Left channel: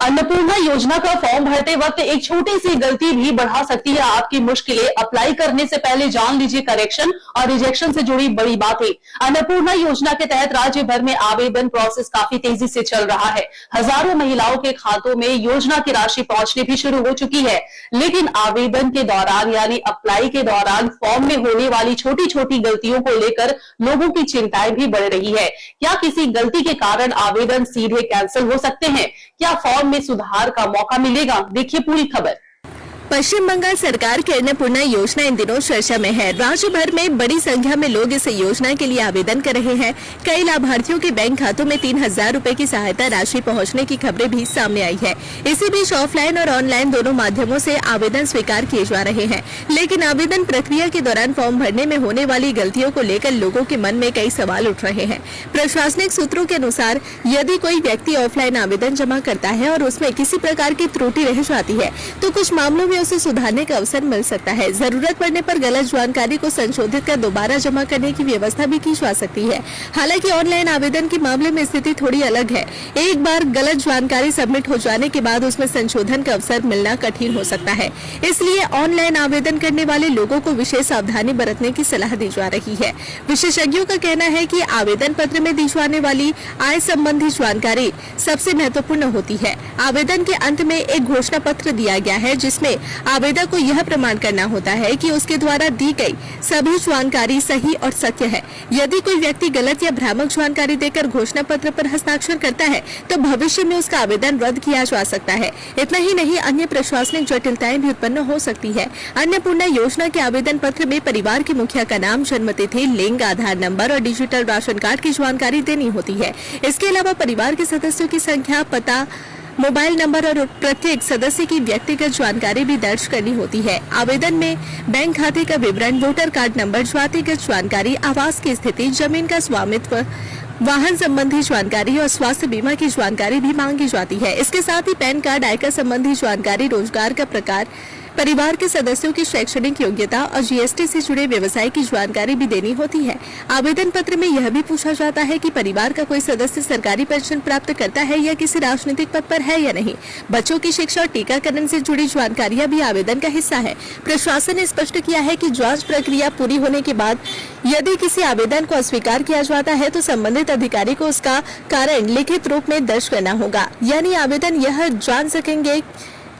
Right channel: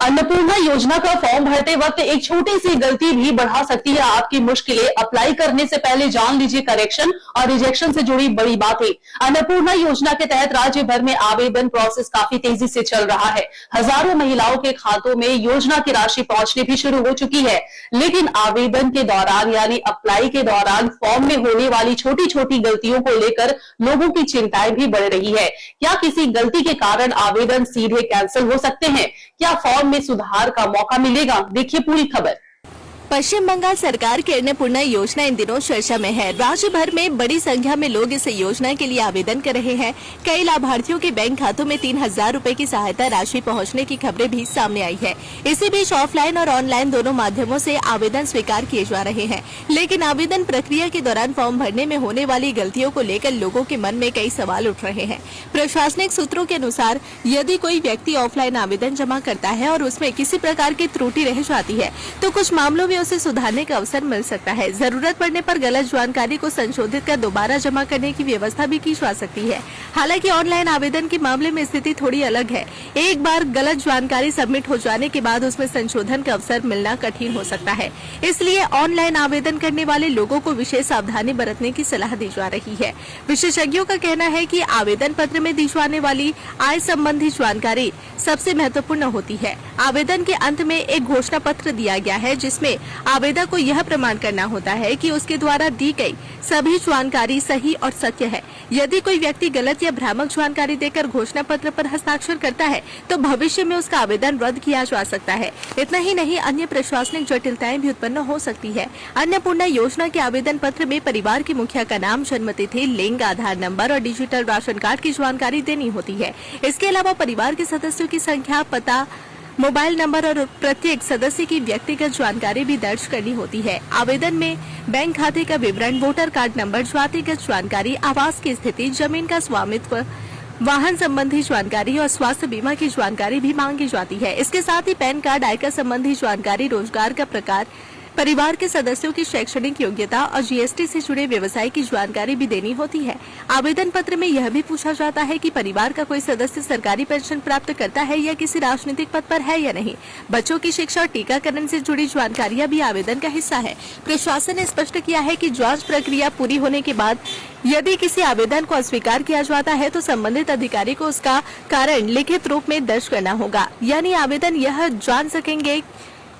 अन्नपूर्णा योजना का फॉर्म भरते वक्त एक छोटी सी गलती भी बढ़ा सकती है आपकी मुश्किलें। अप्लाई करने से पहले जान लीजिए करेक्शन और रिजेक्शन से जुड़ी बड़ी बातें। अन्नपूर्णा योजना के तहत राज्य भर में आवेदन प्रोसेस काफी तेजी से चल रहा है। हजारों महिलाओं के खातों में योजना की राशि पहुंचनी भी शुरू हो चुकी है, लेकिन आवेदन के दौरान यानी अप्लाई के दौरान फॉर्म में होने वाली छोटी छोटी गलतियों को लेकर लोगों की चिंताएं भी बढ़ रही है। क्या किसी गलती के कारण आवेदन सीधे कैंसिल हो सकते हैं? क्या फॉर्म में सुधार का मौका मिलेगा? देखिए पूरी खबर। पश्चिम बंगाल सरकार की अन्नपूर्णा योजना इन दिनों चर्चा में है। राज्य भर में बड़ी संख्या में लोग इस योजना के लिए आवेदन कर रहे हैं। कई लाभार्थियों के बैंक खातों में 3000 रुपए की सहायता राशि पहुंचने की खबरें भी सामने आई है। इसी बीच ऑफलाइन और ऑनलाइन दोनों माध्यमों से आवेदन स्वीकार किए जा रहे हैं, लेकिन आवेदन प्रक्रिया के दौरान फॉर्म भरने में होने वाली गलतियों को लेकर लोगों के मन में कई सवाल उठ रहे हैं। प्रशासनिक सूत्रों के अनुसार यदि कोई व्यक्ति ऑफलाइन आवेदन जमा करता है और उसमें किसी प्रकार की त्रुटि रह जाती है तो कुछ मामलों में उसे सुधारने का अवसर मिल सकता है। जरूरत पड़ने पर गलत जानकारी को संशोधित कर दोबारा जमा करने की व्यवस्था भी की जा सकती है। हालांकि ऑनलाइन आवेदन के मामले में स्थिति थोड़ी अलग है। एक बार गलत जानकारी सबमिट हो जाने के बाद उसमें संशोधन का अवसर मिलना कठिन हो सकता है। इसलिए ऑनलाइन आवेदन करने वाले लोगों को विशेष सावधानी बरतने की सलाह दी जा रही है। विशेषज्ञों का कहना है कि आवेदन पत्र में दी जाने वाली आय संबंधी जानकारी सबसे महत्वपूर्ण होती है। आवेदन के अंत में एक घोषणा पत्र दिया गया है, जिसमें आवेदक को यह प्रमाण करना होता है कि उसके द्वारा दी गई सभी जानकारी सही और सत्य है। यदि कोई व्यक्ति गलत या भ्रामक जानकारी देकर घोषणा पत्र पर हस्ताक्षर करता है तो भविष्य में उसका आवेदन रद्द किया जा सकता है। इतना ही नहीं, अन्य प्रशासनिक जटिलताएं भी उत्पन्न हो सकती है। अन्नपूर्णा योजना के आवेदन पत्र में परिवार के मुखिया का नाम, जन्मतिथि, लिंग, आधार नंबर और डिजिटल राशन कार्ड की जानकारी देनी होती है। इसके अलावा परिवार के सदस्यों की संख्या, पता, मोबाइल नंबर और प्रत्येक सदस्य की व्यक्तिगत जानकारी भी दर्ज करनी होती है। आवेदन में बैंक खाते का विवरण, वोटर कार्ड नंबर, जातिगत जानकारी, आवास की स्थिति, जमीन का स्वामित्व, वाहन संबंधी जानकारी और स्वास्थ्य बीमा की जानकारी भी मांगी जाती है। इसके साथ ही पैन कार्ड, आयकर संबंधी जानकारी, रोजगार का प्रकार, परिवार के सदस्यों की शैक्षणिक योग्यता और जीएसटी से जुड़े व्यवसाय की जानकारी भी देनी होती है। आवेदन पत्र में यह भी पूछा जाता है कि परिवार का कोई सदस्य सरकारी पेंशन प्राप्त करता है या किसी राजनीतिक पद पर है या नहीं। बच्चों की शिक्षा और टीकाकरण से जुड़ी जानकारियां भी आवेदन का हिस्सा है। प्रशासन ने स्पष्ट किया है कि जांच प्रक्रिया पूरी होने के बाद यदि किसी आवेदन को अस्वीकार किया जाता है तो संबंधित अधिकारी को उसका कारण लिखित रूप में दर्ज करना होगा। यानी आवेदन यह जान सकेंगे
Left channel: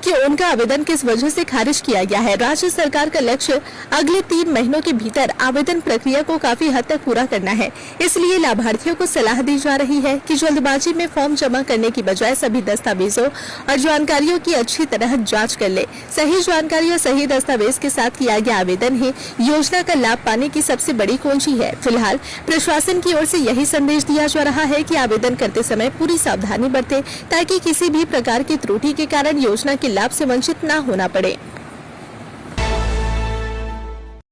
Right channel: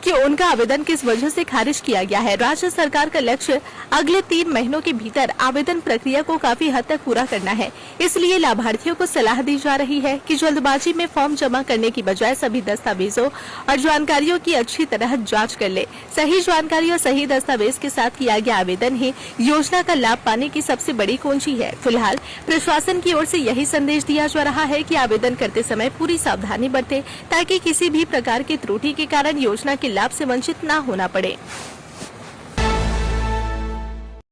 कि उनका आवेदन किस वजह से खारिज किया गया है। राज्य सरकार का लक्ष्य अगले 3 महीनों के भीतर आवेदन प्रक्रिया को काफी हद तक पूरा करना है। इसलिए लाभार्थियों को सलाह दी जा रही है कि जल्दबाजी में फॉर्म जमा करने की बजाय सभी दस्तावेजों और जानकारियों की अच्छी तरह जांच कर ले। सही जानकारी और सही दस्तावेज के साथ किया गया आवेदन ही योजना का लाभ पाने की सबसे बड़ी कुंजी है। फिलहाल प्रशासन की ओर से यही संदेश दिया जा रहा है कि आवेदन करते समय पूरी सावधानी बरतें ताकि किसी भी प्रकार की त्रुटि के कारण योजना के लाभ से वंचित न होना पड़े।